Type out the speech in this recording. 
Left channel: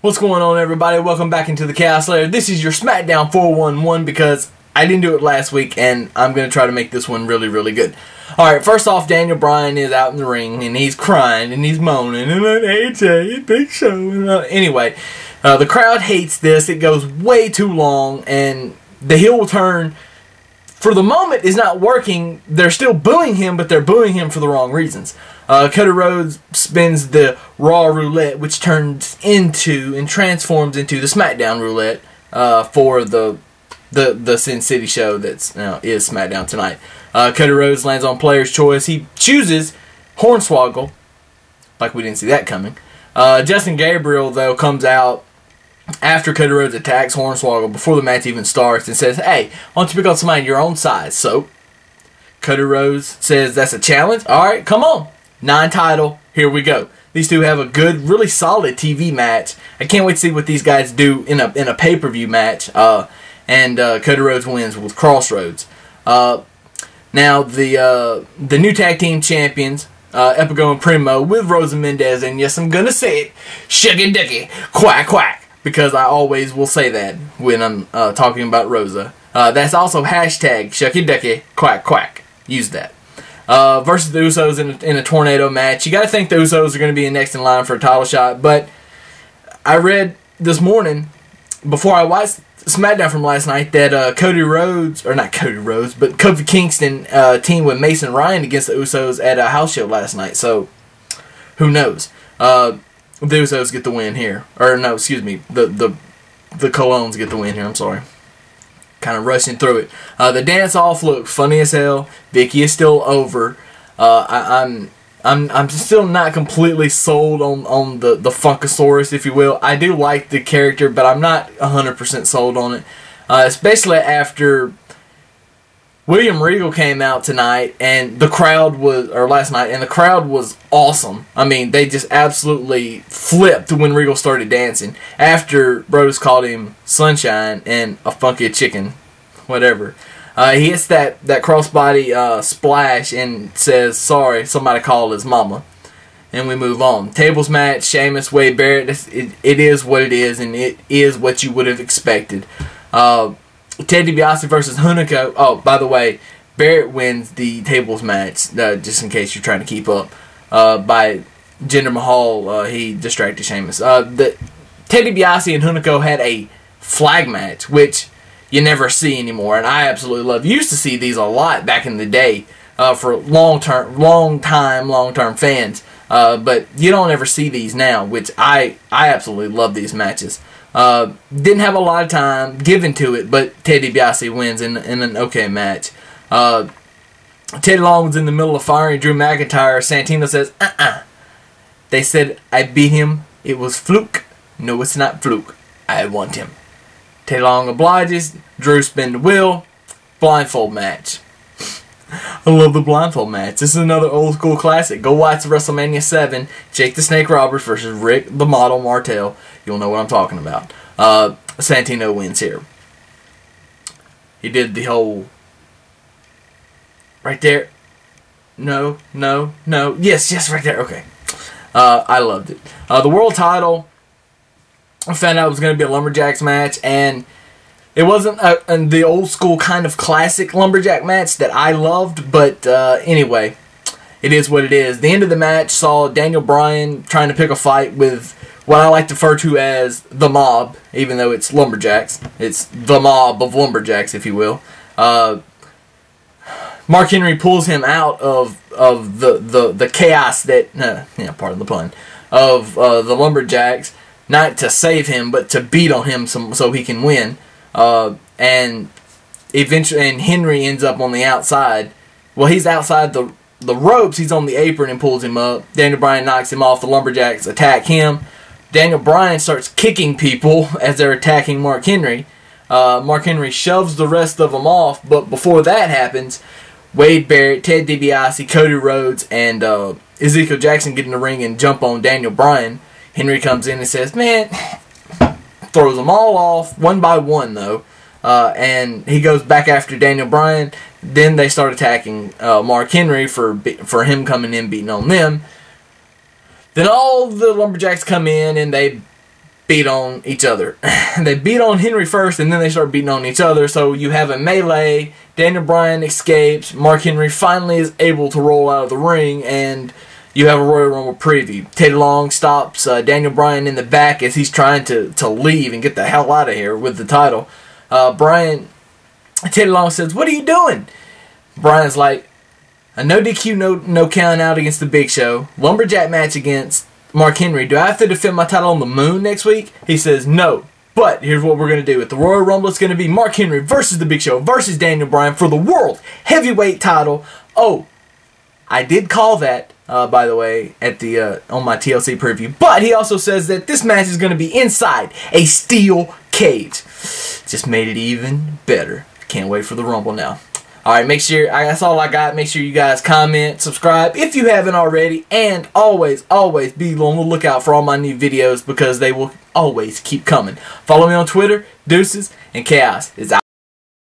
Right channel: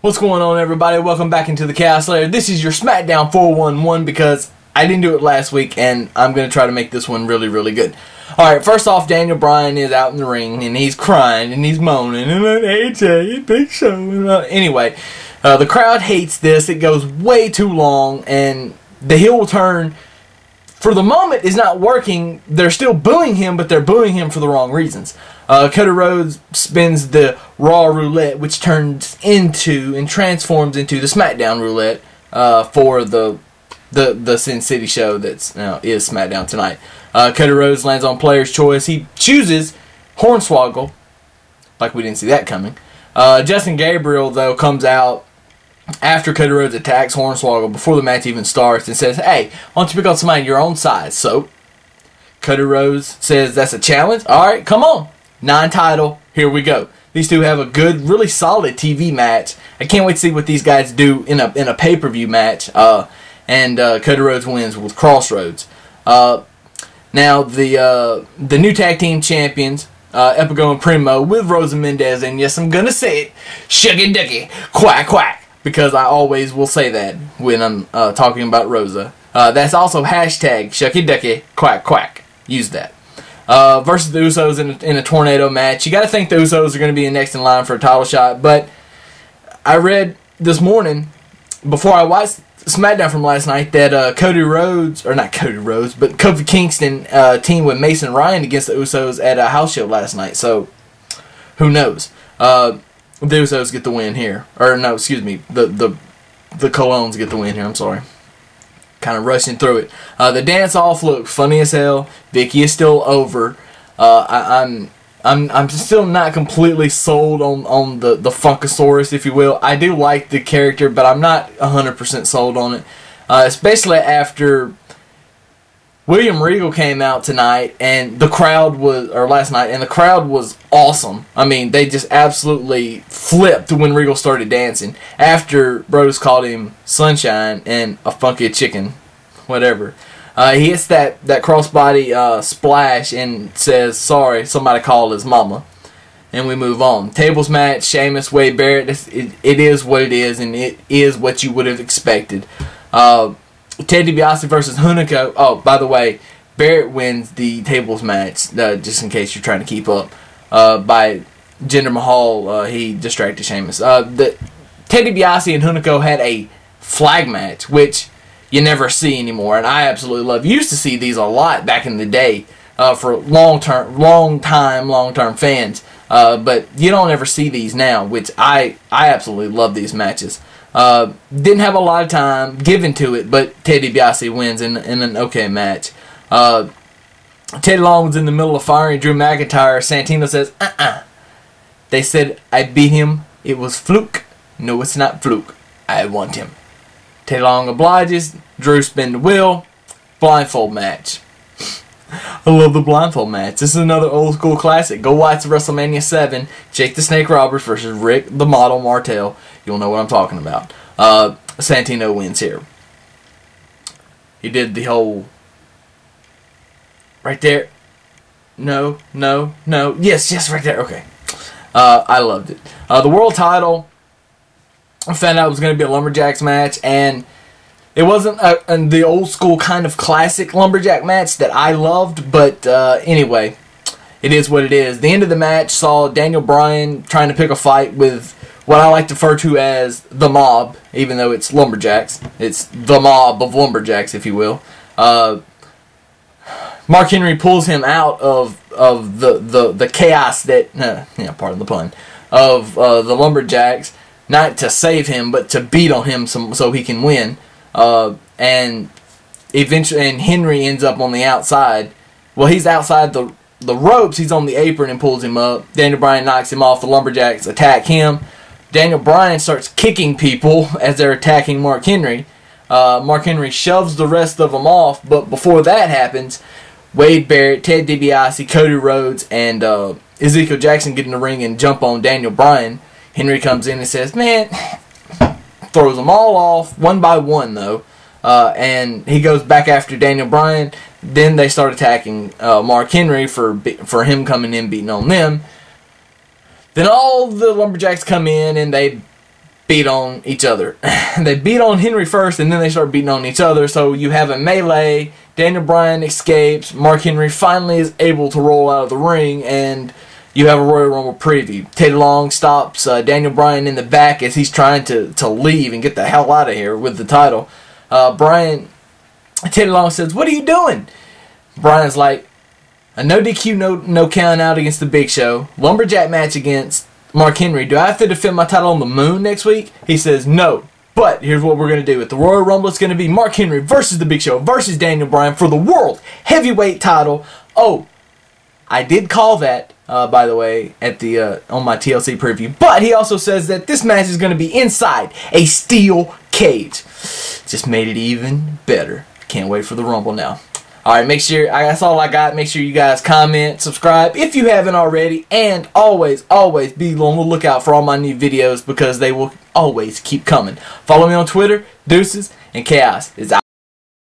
What's going on, everybody? Welcome back into the Chaos Lair. This is your SmackDown 411 because I didn't do it last week, and I'm going to try to make this one really, really good. Alright, first off, Daniel Bryan is out in the ring, and he's crying, and he's moaning, and AJ, Big Show. Anyway, the crowd hates this. It goes way too long, and the heel turn, for the moment, is not working. They're still booing him, but they're booing him for the wrong reasons. Cody Rhodes spins the Raw roulette, which turns into and transforms into the SmackDown roulette for the Sin City show that's now is SmackDown tonight. Cody Rhodes lands on player's choice. He chooses Hornswoggle, like we didn't see that coming. Justin Gabriel, though, comes out after Cody Rhodes attacks Hornswoggle before the match even starts and says, "Hey, why don't you pick on somebody your own size?" So Cody Rhodes says, "That's a challenge? Alright, come on. Non-title, here we go." These two have a good, really solid TV match. I can't wait to see what these guys do in a pay-per-view match. And Cody Rhodes wins with Crossroads. Now, the new tag team champions, Epico and Primo, with Rosa Mendez, and yes, I'm going to say it, Shucky Ducky, Quack Quack, because I always will say that when I'm talking about Rosa. That's also hashtag Shucky Ducky, Quack Quack. Use that. Versus the Usos in a tornado match. You got to think the Usos are going to be next in line for a title shot, but I read this morning, before I watched SmackDown from last night, that Cody Rhodes, or not Cody Rhodes, but Kofi Kingston teamed with Mason Ryan against the Usos at a house show last night, so who knows. The Usos get the win here. Or no, excuse me, the Colognes get the win here, I'm sorry. Kind of rushing through it. The dance-off looked funny as hell. Vicky is still over. I'm still not completely sold on the Funkasaurus, if you will. I do like the character, but I'm not 100% sold on it. Especially after William Regal came out tonight, and the crowd was, or last night, and the crowd was awesome. I mean, they just absolutely flipped when Regal started dancing. After Brodus called him Sunshine and a funky chicken, whatever. He hits that crossbody splash and says, "Sorry, somebody called his mama." And we move on. Tables match, Sheamus, Wade Barrett. It is what it is, and it is what you would have expected. Ted DiBiase versus Hunico. Oh, by the way, Barrett wins the tables match, just in case you're trying to keep up. By Jinder Mahal, he distracted Sheamus. Ted DiBiase and Hunico had a flag match, which you never see anymore, and I absolutely love. You used to see these a lot back in the day for long-term fans, but you don't ever see these now, which I absolutely love these matches. Didn't have a lot of time given to it, but Ted DiBiase wins in an okay match. Teddy Long was in the middle of firing Drew McIntyre. Santino says, They said I beat him. It was fluke. No, it's not fluke. I want him. Teddy Long obliges. Drew spin the wheel. Blindfold match. I love the blindfold match. This is another old school classic. Go watch WrestleMania 7. Jake the Snake Roberts versus Rick the Model Martel. You'll know what I'm talking about. Santino wins here. He did the whole... Right there. No. Yes, right there. Okay. I loved it. The world title, I found out it was going to be a Lumberjacks match, and it wasn't the old school kind of classic Lumberjack match that I loved, but anyway, it is what it is. The end of the match saw Daniel Bryan trying to pick a fight with what I like to refer to as the mob, even though it's Lumberjacks. It's the mob of Lumberjacks, if you will. Mark Henry pulls him out of the chaos that, pardon the pun, of the Lumberjacks, not to save him, but to beat on him so he can win. And Henry ends up on the outside. Well, he's outside the ropes. He's on the apron and pulls him up. Daniel Bryan knocks him off. The Lumberjacks attack him. Daniel Bryan starts kicking people as they're attacking Mark Henry. Mark Henry shoves the rest of them off, but before that happens, Wade Barrett, Ted DiBiase, Cody Rhodes, and Ezekiel Jackson get in the ring and jump on Daniel Bryan. Henry comes in and says, "Man," throws them all off, one by one though, and he goes back after Daniel Bryan. Then they start attacking Mark Henry for him coming in beating on them. Then all the Lumberjacks come in and they beat on each other. They beat on Henry first, and then they start beating on each other. So you have a melee. Daniel Bryan escapes. Mark Henry finally is able to roll out of the ring, and you have a Royal Rumble preview. Teddy Long stops Daniel Bryan in the back as he's trying to leave and get the hell out of here with the title. Teddy Long says, "What are you doing?" Bryan's like, "A no DQ, no count out against the Big Show. Lumberjack match against Mark Henry. Do I have to defend my title on the moon next week?" He says, "No. But here's what we're going to do. At the Royal Rumble, it's going to be Mark Henry versus the Big Show versus Daniel Bryan for the World Heavyweight title." Oh, I did call that, by the way, at the on my TLC preview. But he also says that this match is going to be inside a steel cage. Just made it even better. Can't wait for the Rumble now. Alright, make sure, that's all I got. Make sure you guys comment, subscribe if you haven't already, and always, always be on the lookout for all my new videos because they will always keep coming. Follow me on Twitter, Deuces, and Chaos is out.